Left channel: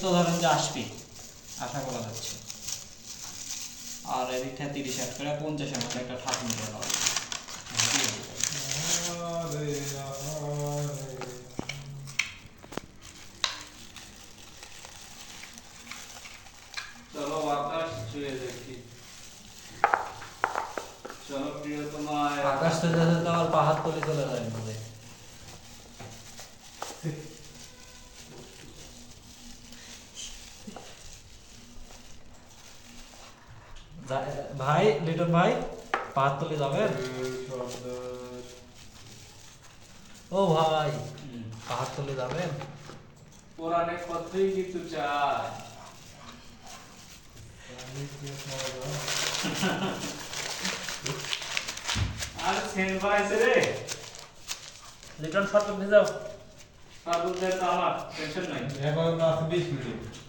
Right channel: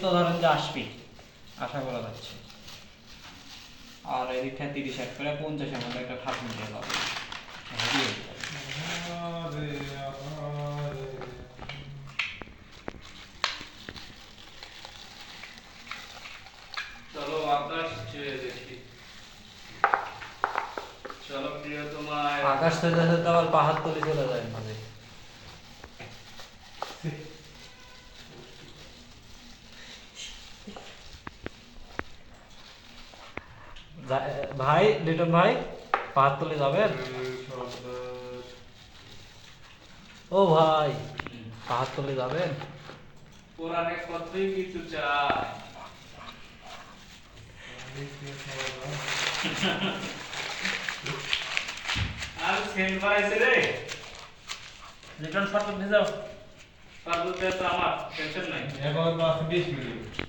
তো ধরেন যে আসবে, আশা করা যাচ্ছে। আর এদিক থেকে 30 অ্যাড করে 50 এর মধ্যে একটা ঠাপ মিলে পাবো। চলো বাতাস ছুঁয়ে দেখি। চলো প্রিয়তমায়। আকাশ থেকে যেতে আমার পাহাড় তলে চলে যায় না। ভাই লিটন ভাই পাহাড় তলে যাবেন? ও ভাই পাহাড় তলে যাবেন? কোরআনে কতই কিছু চায়। আর সেন্ট বানাইছে রে। লিটন শর্ট নিয়ে যাও। তার দুধ তো আমার টেনশন নাই। এখন 20 মিনিট